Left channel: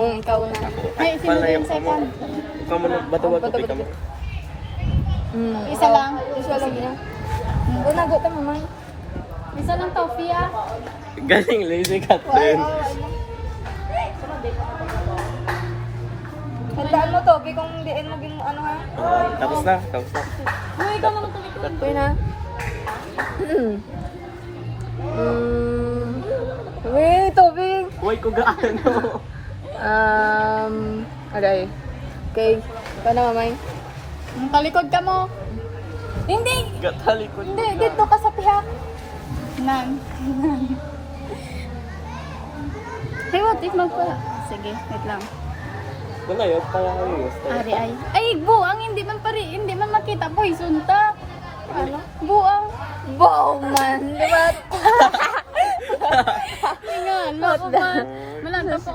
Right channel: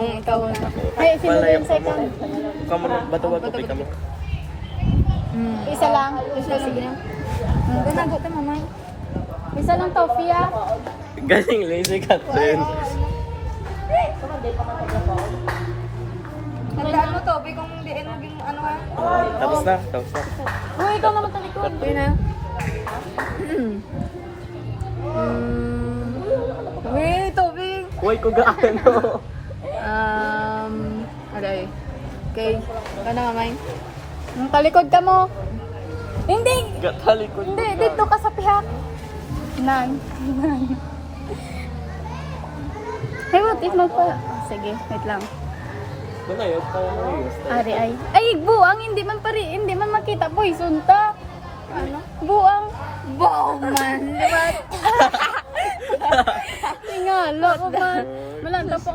Ikaw na. Ako. Ay, Ay, palayo sino ka mo. second? Ikaw mo na, bato-bato ka mo. Isa lang. Isa lang ba yan? Ganago ta mamay. Isa lang Tofia. Galing lazy Catherine. Tandaan mo to, kung diin mo ano ha? Oo, tapos na, tapos na. Uy, ikaw naman talikod. Okay na. Wait, Toby. Uy, ko gaano. Aday. Okay. Ikaw na, mamay. Talikod ka mo. Hindi. Gatalikod Hindi, dito ka sa pihak. Nan. Hey, what if magpa... Sige, wait lang. Ito na yun, kaya ayos. Ari ay. Ay, buang, hindi man makita, boy. Sunta. Ano? Buang. Wow, man. Diba? Nga, loko man. Wala, tapos